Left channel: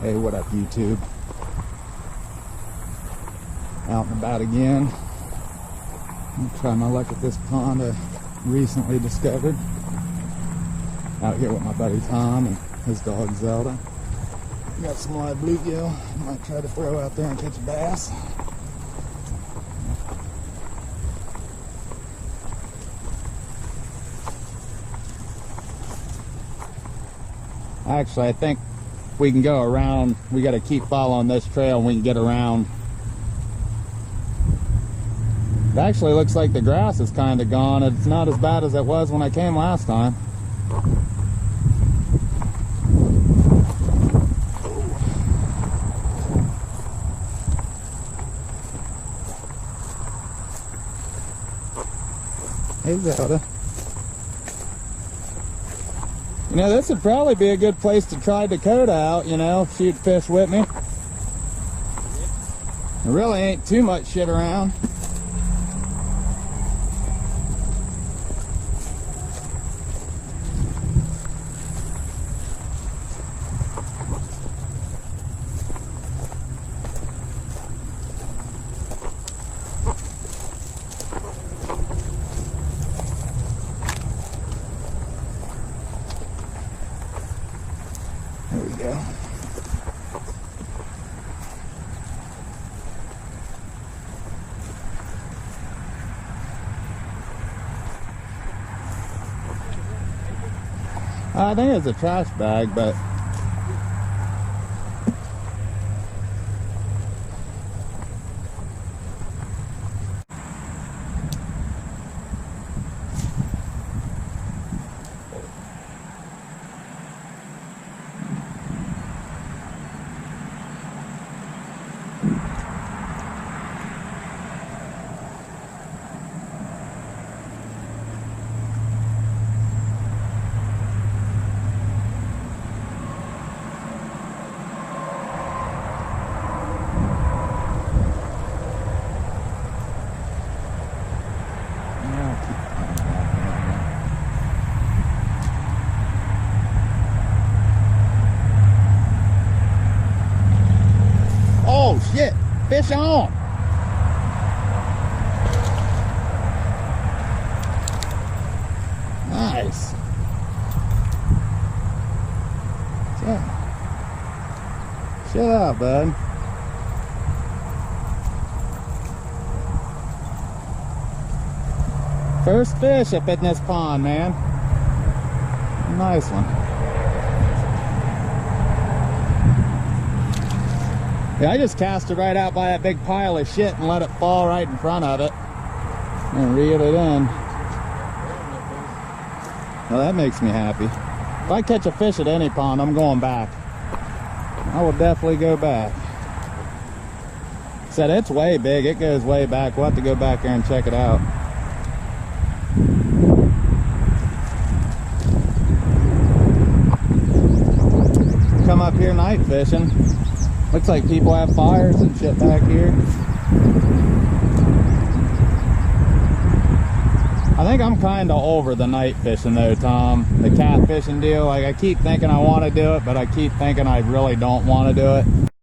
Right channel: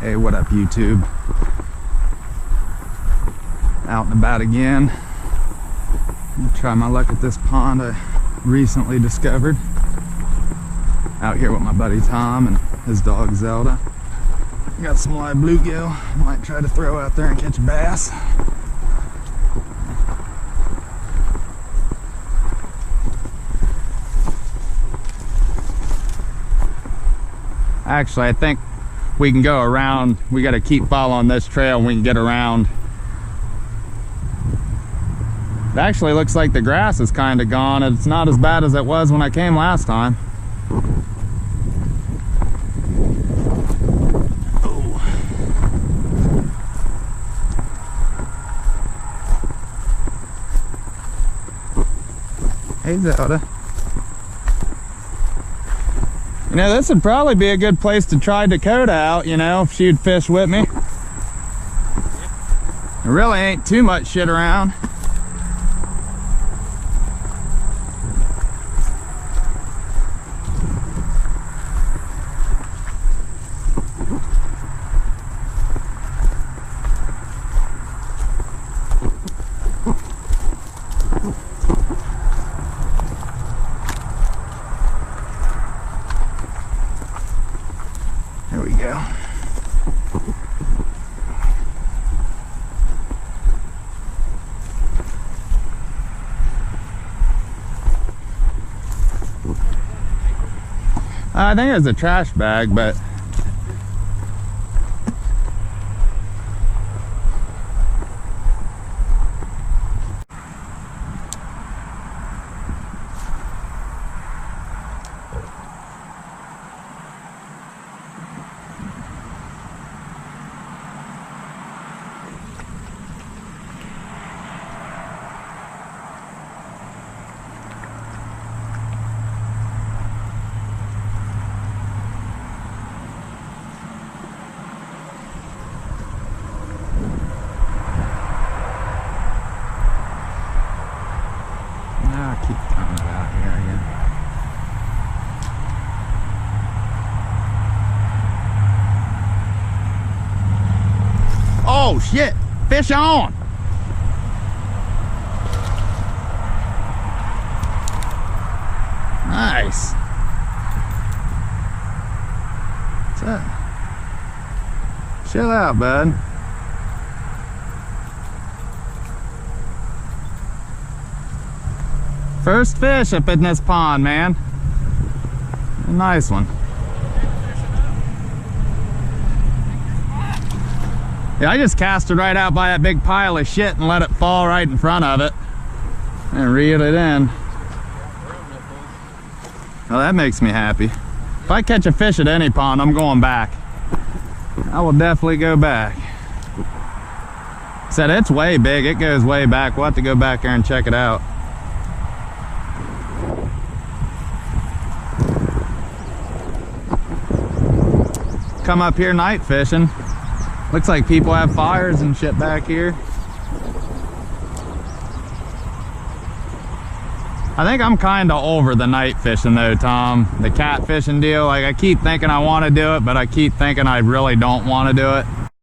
Hey, what up, YouTube? Out and about again. I'm gonna try my luck at this pond I recently discovered. Out here with my buddy Tom and his dog Zelda. Got some live bluegill. Might try to throw out there and catch a bass. Actually, I think we can go around. We got to keep following this trail and we can get around. It actually looks like the grass is kind of gone. It's not as bad as it was when I came last time. Oh. Hey, Zelda. You know, this would probably be a good place to try Dakota out, you know, if she'd fish with me. There really ain't too much shit around. There we go. I think it's a trash bag, but keep coming back here again. Oh shit! Fish on! Nice. What's that? Chill out, bud. First fish up in this pond, man. A nice one. Yeah, I just cast it right out by that big pile of shit and let it fall right in front of it. And reel it in. Well, that makes me happy. If I catch a fish at any pond, I'm going back. I will definitely go back. Said it's way big, it goes way back. We'll have to go back there and check it out. Come up here night fishing. Looks like people have fires and shit back here. I think I'm kind of over the night fishing though, Tom. The cat fishing deal, like I keep thinking I want to do it, but I keep thinking I really don't want to do it.